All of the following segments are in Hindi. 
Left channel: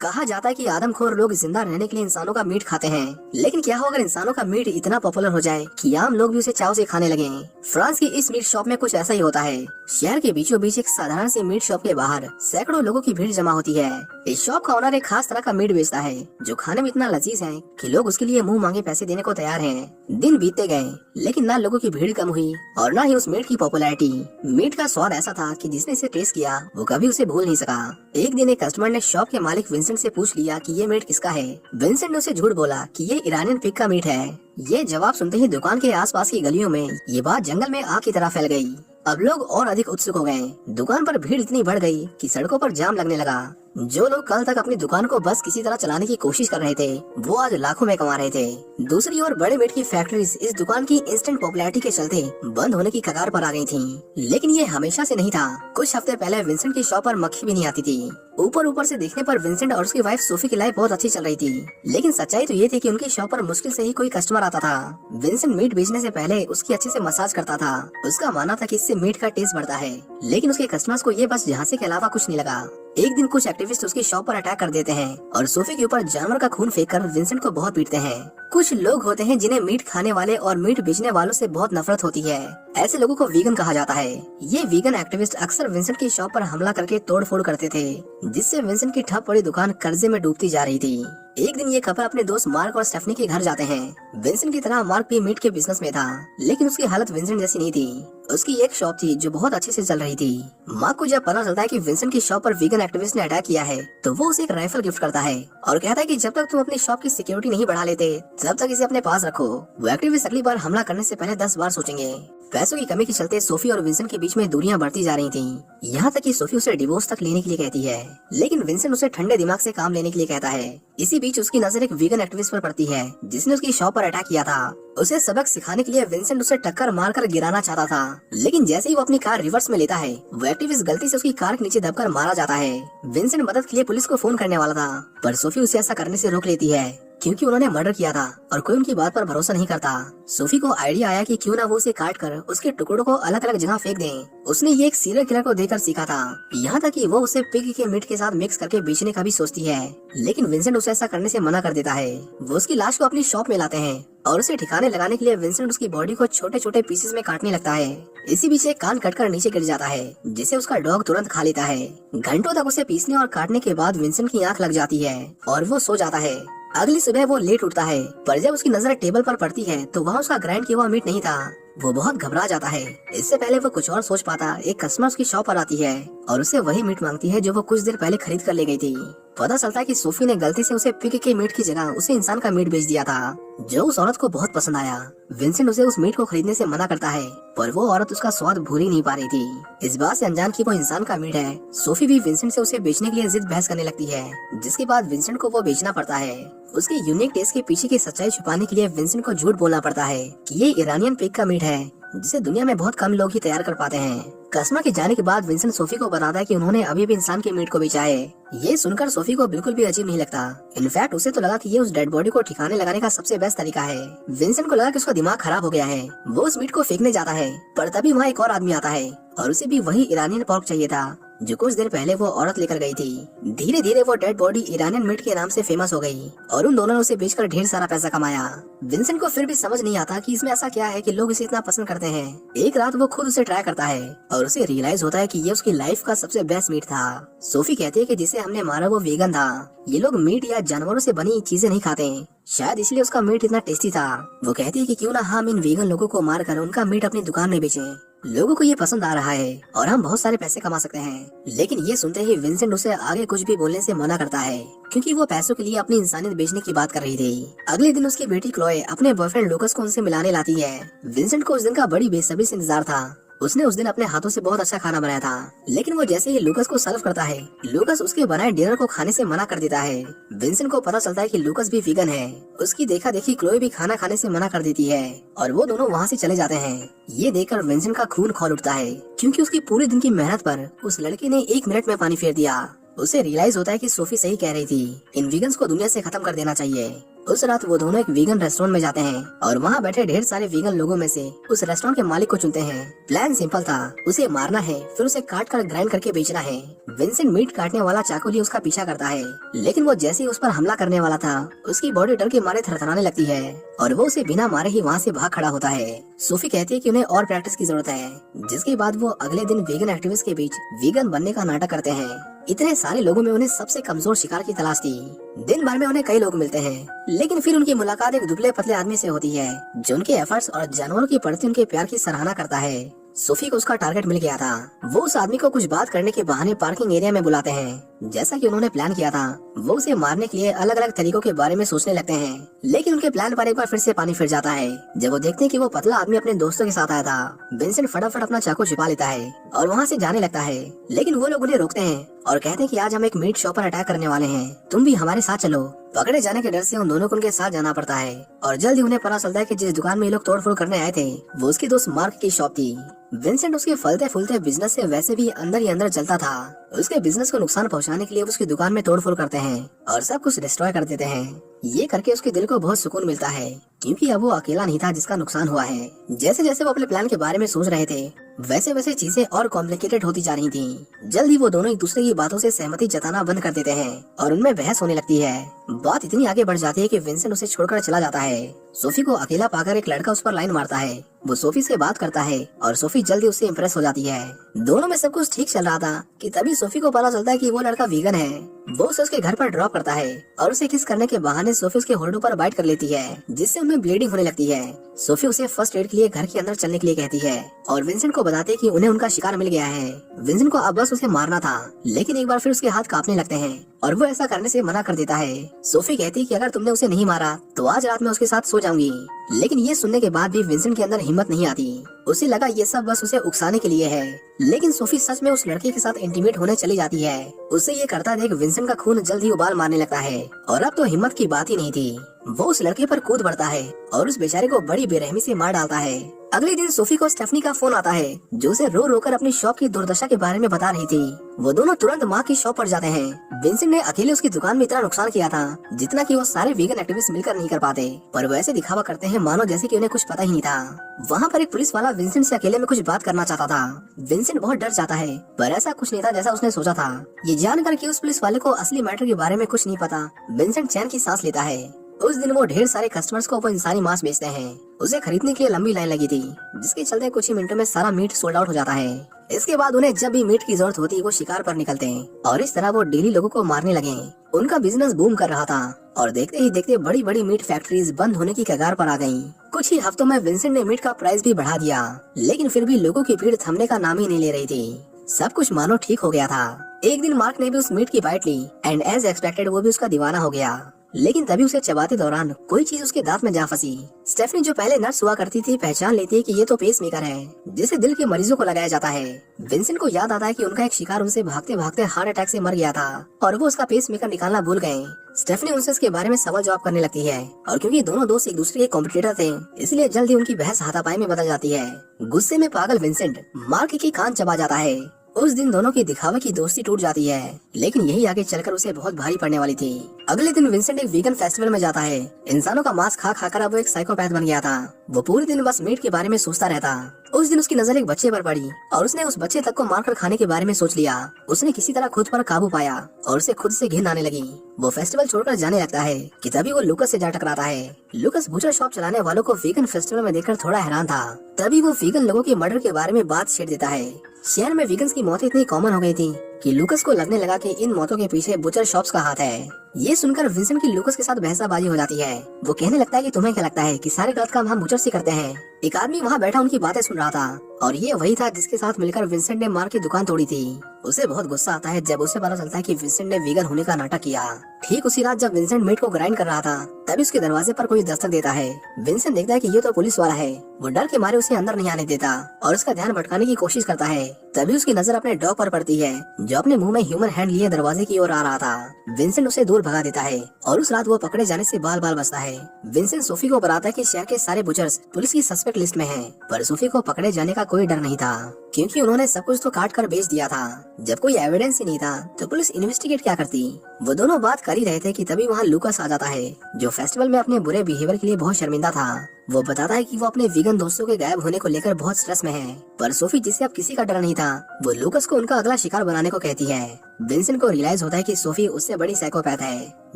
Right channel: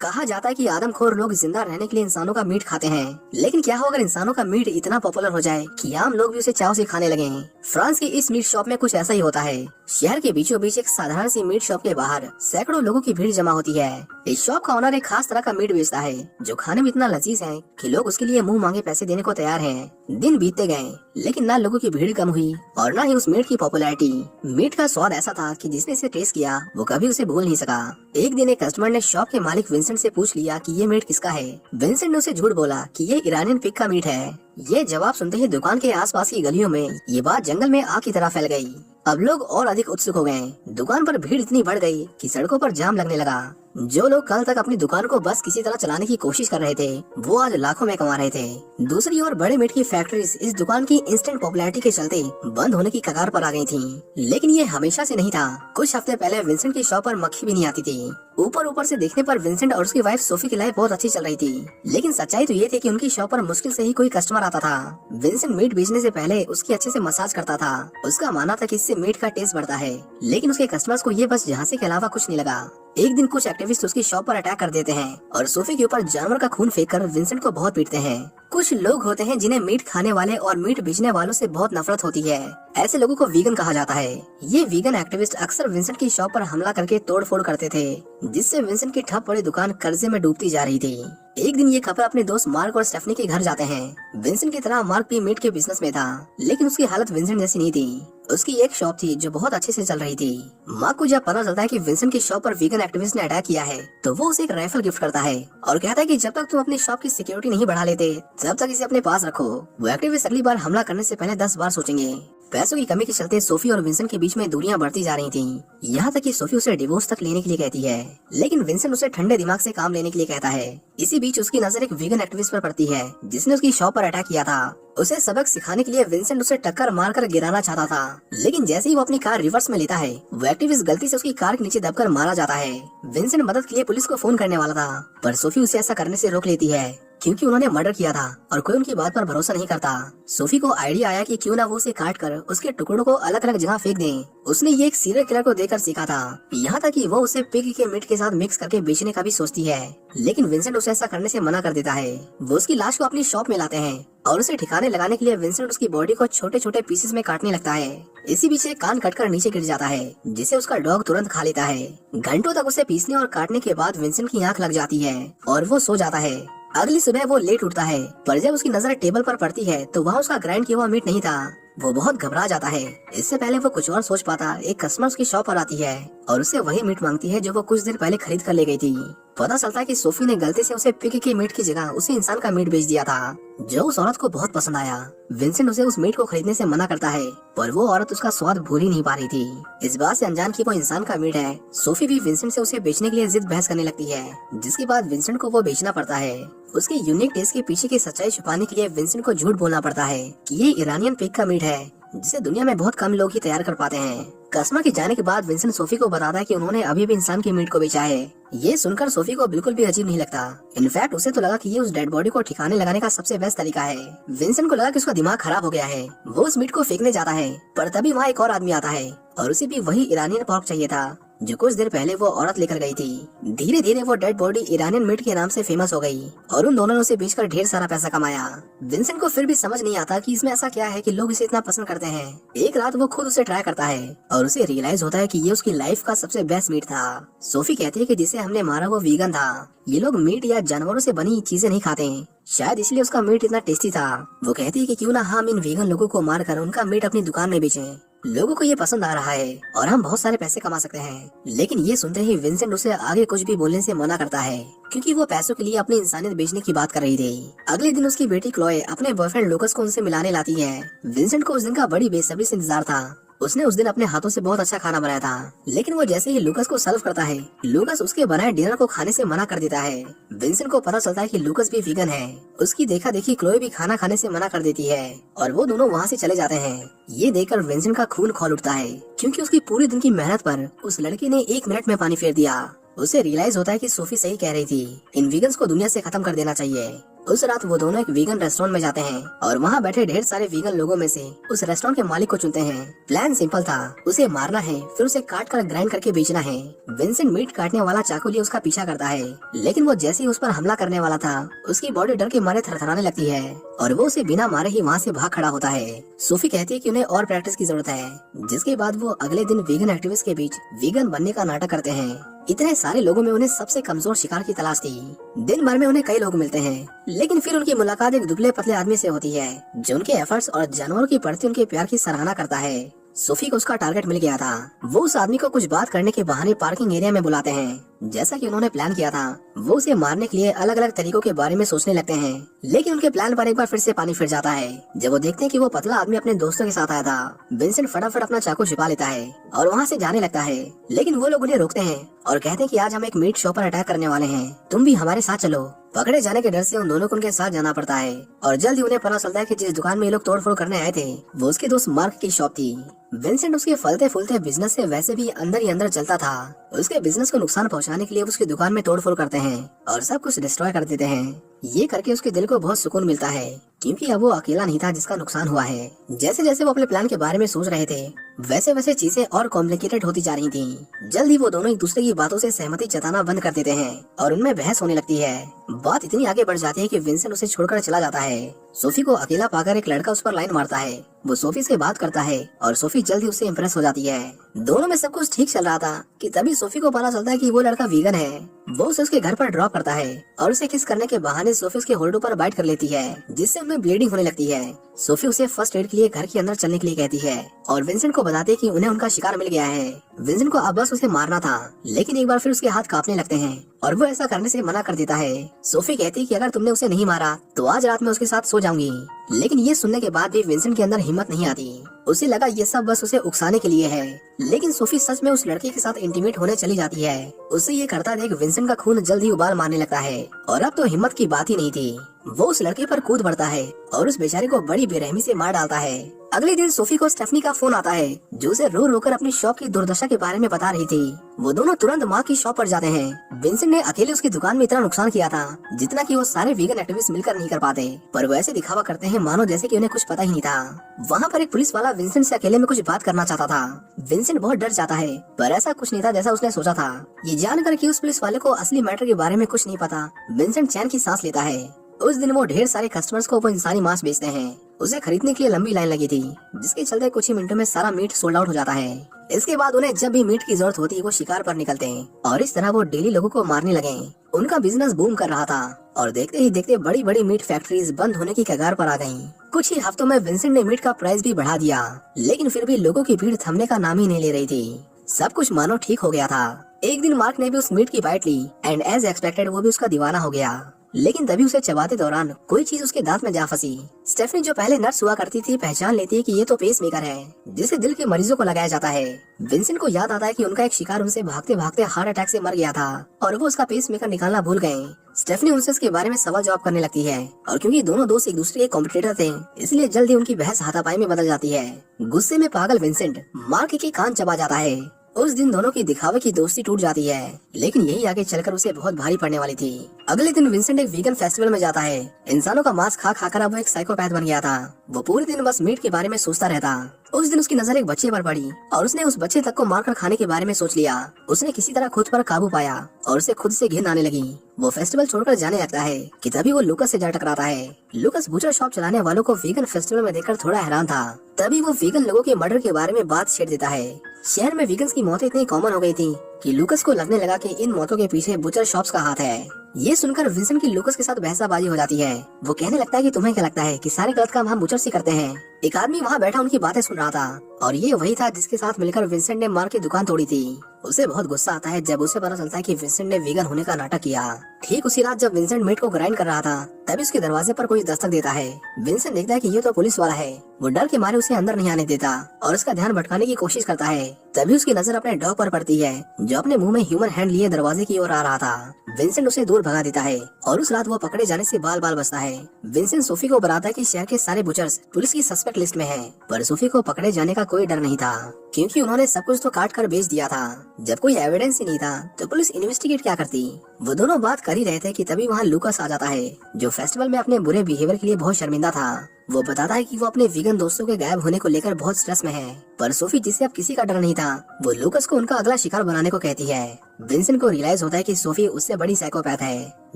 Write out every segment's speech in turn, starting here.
कहा जाता है कि आदमखोर लोग जिंदा रहने के लिए इंसानों का मीट खाते हैं, लेकिन क्या हो अगर इंसानों का मीट इतना पॉपुलर हो जाए कि आम लोग भी उसे चाव से खाने लगे। फ्रांस की इस मीट शॉप में कुछ ऐसा ही होता है। शहर के बीचों बीच एक साधारण सी मीट शॉप के बाहर सैकड़ों लोगों की भीड़ जमा होती है। इस शॉप का ओनर एक खास तरह का मीट बेचता है जो खाने में इतना लजीज है कि लोग उसके लिए मुंह मांगे पैसे देने को तैयार हैं। दिन बीतते गए, लेकिन ना लोगों की भीड़ कम हुई और ना ही उस मीट की पॉपुलैरिटी। मीट का स्वाद ऐसा था कि जिसने इसे टेस्ट किया वो कभी उसे भूल नहीं सका। एक दिन एक कस्टमर ने शॉप के मालिक विंसेंट से पूछ लिया कि ये मीट किसका है। विंसेंट ने उसे झूठ बोला कि ये ईरानियन पिग का मीट है। ये जवाब सुनते ही दुकान के आसपास की गलियों में ये बात जंगल में आग की तरह फैल गई। अब लोग और अधिक उत्सुक हो गए। दुकान पर भीड़ इतनी बढ़ गई कि सड़कों पर जाम लगने लगा। जो लोग कल तक अपनी दुकान को बस किसी तरह चलाने की कोशिश कर रहे थे वो आज लाखों में कमा रहे थे। दूसरी ओर बड़े मीट की फैक्ट्रीज इस दुकान की इंस्टेंट पॉपुलैरिटी के चलते बंद होने की कगार पर आ गई थी। लेकिन ये हमेशा से नहीं था। कुछ हफ्ते पहले विंसेंट की शॉप पर मक्खी भी नहीं आती थी। ऊपर से देखने पर विंसेंट और उसकी वाइफ सोफी की लाइफ बहुत अच्छी चल रही थी, लेकिन सच्चाई तो ये थी कि उनकी शॉप पर मुश्किल से ही कोई कस्टमर आता था। विंसेंट मीट बेचने से पहले उसकी अच्छे से मसाज करता था। उसका मानना था कि इससे मीट का टेस्ट बढ़ता है, लेकिन उसके कस्टमर्स को ये बस झांसे के अलावा कुछ नहीं लगा। एक दिन कुछ एक्टिविस्ट उसकी शॉप पर अटैक कर देते हैं और सोफी के ऊपर जानवर का खून फेंककर विंसेंट को बहुत पीटते हैं। कुछ लोग होते हैं जिन्हें मीट खाने वाले और मीट बेचने वालों से बहुत नफरत होती है। ऐसे लोगों को वीगन कहा जाता है। ये वीगन एक्टिविस्ट अक्सर विंसेंट की शॉप पर हमला करके तोड़फोड़ करते थे, जिससे विंसेंट की ठप पड़ी दुकान कर्जे में डूबती जा रही थी। एक दिन ये कपल अपने दोस्त मार्क और स्टेफनी के घर जाते हैं। विंसेंट की तरह मार्क भी मीट के बिजनेस में था, लेकिन उसकी हालत विंसेंट जैसी नहीं थी। उसकी एक शॉप थी जो बहुत अच्छे से चल रही थी। मार्क को जब पता चलता है कि विंसेंट की शॉप पर वीगन एक्टिविस्ट ने अटैक किया है तो वो उसे एक राइफल गिफ्ट करता है और कहता है कि जब तक तुम अपनी शॉप की सिक्योरिटी नहीं बढ़ा लेते तब तक इसे अपने पास रखो। वो एक्टिविस्ट अगली बार हमला करने से पहले 10 बार सोचेंगे। पैसों की कमी के चलते सोफी और विंसेंट के बीच में दूरियां बढ़ती जा रही थीं। यहाँ तक कि सोफी उसे डिवोर्स तक लेने के लिए कहती है, लेकिन विंसेंट उसे ठंडे दिमाग से काम लेने के लिए कहता है। इसी बीच उसकी नजर एक वीगन एक्टिविस्ट पर पड़ती है जिसने उसकी शॉप पर अटैक किया था। उसे सबक सिखाने के लिए विंसेंट उसे टक्कर मारकर गिराना चाहता था, लेकिन जैसे ही वो अपनी कार रिवर्स में लेता है वो एक्टिविस्ट गलती से उसकी कार के नीचे दबकर मारा जाता है। विंसेंट मदद के लिए पुलिस को फोन करने वाला था, पर सोफी उसे ऐसा करने से रोक लेती है क्योंकि उन्होंने मर्डर किया था और कोई उनकी बात पर भरोसा नहीं करता। सोफी को आइडिया आया कि क्यों ना वो उसे काट कर उसके टुकड़ों को अलग अलग जगह फेंक दे। उसने ये एक सीरियल किलर को देखकर सीखा था। यहाँ तक कि वो उसे पिग के मीट के साथ मिक्स करके बेचने का भी सोचती है, लेकिन विंसेंट उसे ऐसा करने से मना कर देता है। वो उसकी लाश को अपनी शॉप में लाते हैं और उसे ठिकाने लगाने के लिए विंसेंट उसकी बॉडी को छोटे छोटे पीसेस में काटने लगता है। इसी बीच एक कान कटकर नीचे गिर जाता है, जिसे उसका डॉग तुरंत खा लेता है। घंटों तक उसे पीसने और काटने के बाद विंसेंट की आंख लग जाती है और वो सो जाता है। अगली सुबह वो लेट उठता है, पर जब उसकी नजर टेबल पर पड़ती है तो वहाँ उसका ग्राइंड किया हुआ मीट नहीं था। वो बहुत घबरा जाता है। इससे पहले वो कुछ और सोच पाता, एक कस्टमर उसकी शॉप पर आती है और उससे वही मीट मांगती है जो वो कुछ देर पहले खरीद कर ले गई थी। पता चलता है कि सोफी ने गलती से उसे पिग के मीट की जगह उसे इंसान का मीट बेच दिया था, जो उस औरत को बहुत पसंद आया। विंसेंट उसे उस मीट को खरीदने से मना करता है, पर वो औरत उसका स्वाद भूल ही नहीं पा रही थी। इस बात से अनजान कि वो इंसान का मीट है, सोफी भी विंसेंट से उसे बेचने के लिए जिद बहस करने लगती है, जिसके बाद विंसेंट को वो बेचना पड़ता है। उसके यूनिक टेस्ट के पीछे की सच्चाई छुपाने के लिए विंसेंट को झूठ बोलना पड़ता है कि ये ईरानियन पिग का मीट है, जिसे दुनिया में बहुत कम लोग ही तैयार कर पाते हैं। कस्टमर के जाने के बाद विंसेंट सोफी को बताता है कि उन्होंने अभी भी इंसान के मीट को बेचा है। ये सुनकर सोफी को बिल्कुल भी अजीब नहीं लगता। इनफैक्ट उसे तो लगा कि ये उस डेड बॉडी को ठिकाने लगाने का सबसे बेस्ट तरीका है। विंसेंट को लगा कि उसका दिमाग खराब हो गया है। वो उस मीट को फेंकने जाता है, पर तभी वहाँ एक और आदमी आता है और उसे भी वही ईरानियन पोर्क चाहिए था जो कुछ देर पहले वो औरत लेकर गई थी। धीरे धीरे वो डेड बॉडी ईरानियन मीट के नाम से फेमस हो गई और उन दोनों ने उसे बेचकर ढेर सारा पैसा कमाया। विंसेंट को फिर भी समझ नहीं आता कि इसमें ऐसा क्या है कि लोग इसे इतना पसंद करते हैं। एक रात वो खुद उसे ट्राई करता है और उसे रियलाइज होता है कि ये उसकी लाइफ का सबसे बेस्ट मीट था। सोफी कहती है कि जिसे हमने मारा वो वीगन था। ये लोग मीट या जानवरों से बनी चीजें नहीं खाते, शायद इसलिए उसका मीट इतना टेस्टी था। वो कहती है कि क्यों ना हम इन वीगन लोगों को मारकर उनका मीट अपनी दुकान में बेचें। लोगों को ये पसंद आ रहा है और हम बहुत सारे पैसे कमा सकते हैं। लेकिन ये सुनते ही विंसेंट उसे आगे कुछ भी बोलने से मना करता है, क्योंकि वो पैसों के लिए अपनी इंसानियत बेचने की बात कर रही थी। अगले दिन उसकी बेटी क्लोए अपने बॉयफ्रेंड लूकस को उनसे मिलाने लाती है। विंसेंट को उस दिन का बड़ी बेसब्री से इंतजार था। उसने उस दिन अपने हाथों से बहुत अच्छा खाना बनाया था, लेकिन वो जैसे ही लूकस को सर्व करता है, लूकस उसके बनाए डिनर को खाने से मना कर देता है। विंसेंट को पता चलता है कि लूकस भी वीगन है। उसकी देखा देखी क्लोए भी खाना खाने से मना कर देती है और वो दोनों वहाँ से चले जाते हैं। ये देखकर विंसेंट का खून खौल उठता है, क्योंकि उसकी पूरी दिन की मेहनत पर उस लड़के ने 1 मिनट में पानी फेर दिया। उसे रियलाइज होता है कि सोफी सही कह रही थी, इन वीगन्स को दुनिया से खत्म कर देना चाहिए। उस रात वो दोनों एक वीगन रेस्टोरेंट में जाते हैं और वहाँ बैठे ढेर सारे वीगन लोगों में से उस रेस्टोरेंट के मालिक को चुनते हैं। प्लान सिंपल था, उसे मारना है, फिर उसे काट कर ग्राइंड करके बेचना है। विंसेंट मीट काटने वाला चाकू लिए उसका पीछा करता है, लेकिन वो जैसे ही उस पर हमला करने वाला था उसकी बॉडी डर के मारे थरथराने लगती है और वो उसे बिना मारे ही वहाँ से भाग खड़ा होता है। सोफी कहती है कि उन्हें और प्रैक्टिस की जरूरत है, जिसके बाद वो अगले दिन वीगन एक्टिविस्ट के बीच वीगन बनने का नाटक करते हैं। इतने सारे लोगों में उन्हें सबसे कमजोर शिकार की तलाश थी। दिन भर में उन्हें कई लोग मिलते हैं, लेकिन फिर उनकी मुलाकात एक दुबले पतले आदमी से होती है जो उनके एफर्ट्स और जानवरों के प्रति उनके प्यार की सराहना करता है। सोफी को उसका टारगेट मिल गया था। वो उस आदमी को कुछ बात करने के बहाने पार्किंग एरिया में बुलाते हैं। जैसा कि उन्होंने प्लान किया था, वो उसे मारने के लिए अलग अलग तरीकों के बारे में सोचने लगते हैं, लेकिन उनके प्लान पर एक बार फिर से पानी फिर जाता है जब वो देखते हैं कि वो पतला आदमी अपने दोस्तों के साथ आया था। विंसेंट फटाफट अपना चाकू छिपा लेता है और वहाँ से जाने लगता है, लेकिन वो लोग उन्हें रोकते हैं और कहते हैं कि आज हम एक मीट शॉप पर अटैक करने वाले हैं, तुम भी हमारे साथ चलो। पकड़े जाने के डर से उन दोनों को उनके साथ जाना पड़ता है और जल्द ही उन्हें पता चलता है कि जिस दुकान में ये लोग तोड़फोड़ करने आए थे वो उसके दोस्त मार्क की शॉप थी। विंसेंट उसके फलते फूलते बिजनेस से वैसे भी अंदर ही अंदर चलता था। उसके बिजनेस को नुकसान पहुंचाने के लिए उसकी दुकान में तोड़फोड़ करते हैं और सब कुछ डिस्ट्रॉय कर देते हैं। ये करके उसके दिल को बहुत सुकून मिलता है, क्योंकि अब वो अकेला नहीं था जिसका नुकसान हुआ है। जैसे जैसे वो अपने प्लान के बारे में सोच रहे थे, वैसे वैसे चीजें और कॉम्प्लिकेटेड होती जा रही थी। जल्द ही वो दोनों एक दूसरे की बातों से सहमति जताना बंद कर देते हैं और उनमें बहस होने लगती है। बात इतनी आगे बढ़ जाती है कि विंसेंट उसे छोड़कर चला जाता है। सोफी को अकेला पाकर एक लड़का उस पर लाइन मारता है। वो सोफी से बात करता है और सोफी जल्दी उससे इम्प्रेस हो जाती है। दोनों में सब कुछ ठीक चल रहा था कि तभी सोफी को पता चलता है कि वो लड़का वीगन है। वो उसे उसके घर पर ड्रॉप करता है और उसे किस करने के बहाने सोफी उसके होल्डर पर बाइट कर लेती है, जिससे उनमें ब्लीडिंग होने लगती है। सोफी उसे फर्स्ट एड के लिए घर के अंदर चलने के लिए कहती है और विंसेंट को बताते हैं कि उन्हें उनका शिकार मिल गया है। विंसेंट को अब बस उसे मारना था, लेकिन एक बार फिर उसके हाथ कांपने लगते हैं और वो ऐसा करने से मना कर देता है। सोफी कहती है कि अगर तुमने उसे नहीं मारा तो आज रात में उसके साथ सो जाऊंगी, लेकिन ये सुनने के बाद भी विंसेंट के अंदर हिम्मत नहीं आती। उसे लगा ये सब बस उसे उकसाने के लिए है, लेकिन सोफी सच में उस लड़के के साथ इंटीमेट होने चली जाती है। उसे ये करता देख विंसेंट का खून जल्दी उबाल मारने लगता है और अब तो हिम्मत की बात ही नहीं थी। वो उस लड़के पर कूद पड़ता है और उस बेचारे को बड़ी बेरहमी से मार डालता है। अगले दिन सोफी को स्टेफनी का फोन आता है, जो उसे रो रो कर अपनी शॉप की दुर्दशा के बारे में बता रही थी। वो दोनों तुरंत माँ की शॉप पर जाते हैं। विंसेंट ने अकेले उसकी दुकान में इतना नुकसान किया था जितना कि वो सारे वीगन एक्टिविस्ट मिलकर नहीं कर पाते, पर वैसे दिखावा करते हैं मानो जैसे कि उन्हें कुछ पता ही नहीं था। वहाँ पर एक पुलिस वाला विंसेंट से अकेले में कुछ बात करना चाहता था। विंसेंट बहुत डर जाता है, पर ऐसा कुछ नहीं था जैसा उसने सोचा था। ये जानकर कि उस पुलिस वाले को असली मैटर के बारे में कुछ नहीं पता, विंसेंट चैन की सांस लेता है। उस दिन वो ढेर सारे कस्टमर्स को वो इंसानी मांस बेचते हैं। उसे खरीदने के लिए लंबी लाइन लगी थी, जिसके चलते कुछ ही मिनटों में सारा मीट सोल्ड आउट हो जाता है। इसके बाद उन्हें जब भी मीट की जरूरत होती है वो शिकार पर निकलते हैं और इस तरह वो डेली लोगों को मारने लगे। उनका बिजनेस बूम कर रहा था और देखते ही देखते बड़ी बड़ी मीट फैक्ट्रीज बंद होने की कगार पर आ गयी। कुछ ही हफ्तों में विंसेंट ने मीट का प्राइस भी बढ़ा दिया, लेकिन फिर भी लोगों की भीड़ थमने का नाम ही नहीं ले रही थी। सब कुछ मानो ठीक हो गया था। एक दिन मार्क ने भी उस मीट की बाइट ली एंड एज एक्सपेक्टेड वो भी उसका दीवाना हो गया, लेकिन तभी उसे चबाते दौरान कोई चीज उसके दांत में जा फंसी। स्टेफनी जो पहले नर्स हुआ करती थी पहचान लेती है कि ये तो पेस मेकर है, जिसे दिल के मरीजों को लगाया जाता है। विंसेंट को याद आता है कि उनका एक शिकार उनसे भागते भागते हार्ट अटैक से मर गया था और वो उसका पेस मेकर निकालना भूल गए। स्टेफनी उनसे इसके बारे में सवाल जवाब करने लगती है और क्योंकि दोनों दोस्त एक दूसरे के कॉम्पिटिटर थे, इसलिए जल्दी उनकी बहस हाथापाई में बदल जाती है। गुस्से में पागल विंसेंट मार्क की कान चबा जाता है। उस दिन दोनों की दिखावे की दोस्ती टूट जाती है, लेकिन यही आगे चलकर उसे बहुत भारी पड़ने वाली थी। अगले दिन विंसेंट एक वीगन फेस्टिवल में जाता है। इंसानों का मांस खा खाकर अब वो एक साइकोपैथ बन गया था। वो पूरे दिन बस मीट के बारे में सोचता रहता। उस दिन उसकी नजर एक बच्चे पर पड़ी और उसने उस बच्चे तक को मारकर खाने के बारे में सोच लिया। उसने किसी तरह खुद पर काबू पाया और उसे खुद से घिन आने लगी। वो फेस्टिवल छोड़कर जाने लगता है कि तभी वो लुकस से जा टकराता है। लुकस बुचर शॉप चलाने वालों को वीगन फेस्टिवल में देखकर थोड़ा हैरान था। तभी वो वीगन लोगों के मर्डर के बारे में बात छेड़ देता है। शहर में वीगन्स की मौतें इतनी कॉमन हो गई थी कि लुकस को लगने लगा कि इन मौतों के पीछे बुचर शॉप्स का हाथ है। ये सुनकर विंसेंट की लुकस के साथ बहसाबाजी हो जाती है। वो कहने लगता है कि तुम्हें क्या लगता है कि सारे गलत काम हम बुचर से करते हैं। एक आदमी वहाँ बैठा उनकी बातें सुन रहा था और ये वही था जिसके साथ मिलकर विंसेंट ने मार की दुकान तोड़ी थी। उसे बहुत गुस्सा आता है जब उसे पता चलता है कि विंसेंट ने वीगन होने का नाटक किया। ठीक उसी रात जब विंसेंट मीट को ग्राइंड कर रहा था, तभी उसके दरवाजे पर कोई दस्तक देता है। विंसेंट देखता है कि ये तो पुलिस वाला है। वो डर के मारे उसे अंदर नहीं आने देता और उसका ध्यान भटकाने की कोशिश करता है। तभी उसकी नजर अपने डॉग पर पड़ती है, जो अपने मुंह में ह्यूमन हैंड लिए दरवाजे की ओर आ रहा था। विंसेंट उसे दूर भगा देता है और उस रात वो पकड़े जाने से बाल बाल बचता है। विंसेंट सोफी को बताता है कि शहर के सारे बुचर्स पुलिस की सस्पेक्ट लिस्ट में हैं, पर सोफी को पकड़े जाने का कोई डर नहीं था, क्योंकि उन्होंने सब कुछ तो काट कर बेच दिया था। जब कोई एविडेंस ही नहीं था तो पुलिस इन्वेस्टिगेट क्या करती। वो दोनों बात कर ही रहे थे कि तभी वहाँ लूकास आ जाता है, जो फेस्टिवल में अपने बुरे बिहेवियर के लिए बहुत शर्मिंदा था। वो बताता है कि वो अपने वीगन दोस्तों के गायब होने को लेकर बहुत स्ट्रेस में है, पर सोफी, जिसे अब किसी का डर नहीं था, वो लूकास को उनका अगला शिकार बनाने को कहती है। विंसेंट को रियलाइज होता है कि सोफी उससे बड़ी साइकोपैथ है,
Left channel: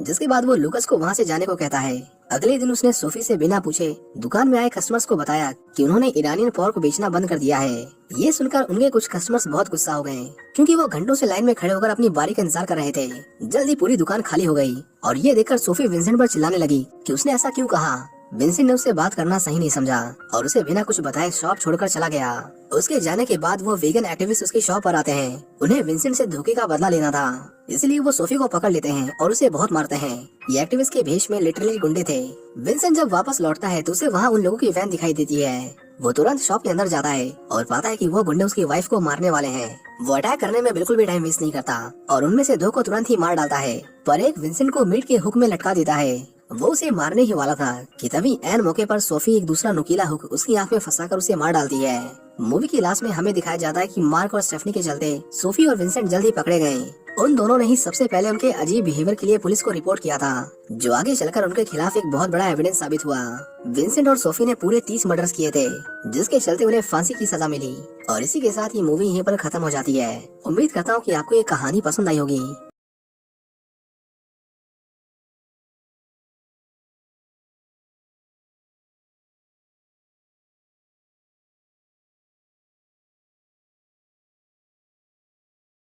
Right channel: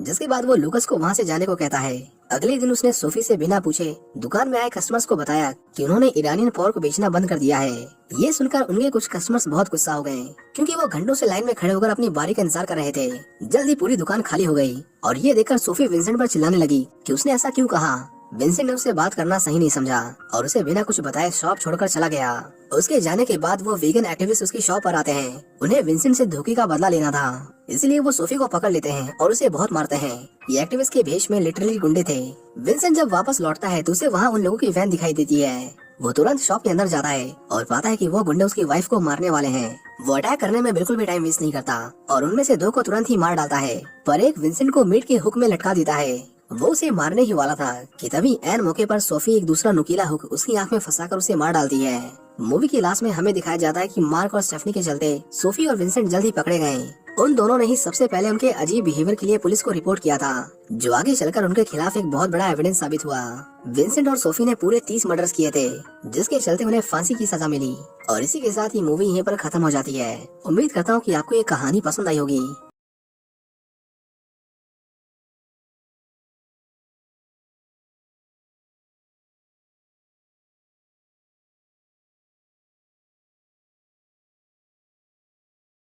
जिसके बाद वो लूकास को वहाँ से जाने को कहता है। अगले दिन उसने सोफी से बिना पूछे दुकान में आए कस्टमर्स को बताया कि उन्होंने ईरानियन पोर्क बेचना बंद कर दिया है। ये सुनकर उनके कुछ कस्टमर्स बहुत गुस्सा हो गए, क्योंकि वो घंटों से लाइन में खड़े होकर अपनी बारी का इंतजार कर रहे थे। जल्दी पूरी दुकान खाली हो गई और ये देखकर सोफी विंसेंट पर चिल्लाने लगी कि उसने ऐसा क्यों कहा। विंसेंट ने उससे बात करना सही नहीं समझा और उसे बिना कुछ बताए शॉप छोड़कर चला गया। उसके जाने के बाद वो वीगन एक्टिविस्ट उसकी शॉप पर आते हैं। उन्हें विंसेंट से धोखे का बदला लेना था, इसलिए वो सोफी को पकड़ लेते हैं और उसे बहुत मारते हैं। ये एक्टिविस्ट के भेष में लिटरली गुंडे थे। विंसेंट जब वापस लौटता है तो उसे वहाँ उन लोगों की वैन दिखाई देती है। वो तुरंत शॉप के अंदर जाता है और पाता है कि वो गुंडे उसकी वाइफ को मारने वाले हैं। वो अटैक करने में बिल्कुल भी टाइम वेस्ट नहीं करता और उनमें से 2 को तुरंत ही मार डालता है, पर एक विंसेंट को मीट के हुक में लटका देता है। वो उसे मारने ही वाला था कि तभी ऐन मौके पर सोफी एक दूसरा नुकीला हुक उसकी आंख में फंसाकर उसे मार डालती है। मूवी की लास्ट में हमें दिखाया जाता है कि मार्क और स्टेफनी के चलते सोफी और विंसेंट जल्दी पकड़े गए। उन दोनों ने ही सबसे पहले उनके अजीब बिहेवियर के लिए पुलिस को रिपोर्ट किया था, जो आगे चलकर उनके खिलाफ एक बहुत बड़ा एविडेंस साबित हुआ। विंसेंट और सोफी ने पूरे 30 मर्डर्स किए थे, जिसके चलते उन्हें फांसी की सजा मिली। और इसी के साथ ही मूवी यहीं पर खत्म हो जाती है। उम्मीद करता हूँ कि आपको ये कहानी पसंद आई होगी।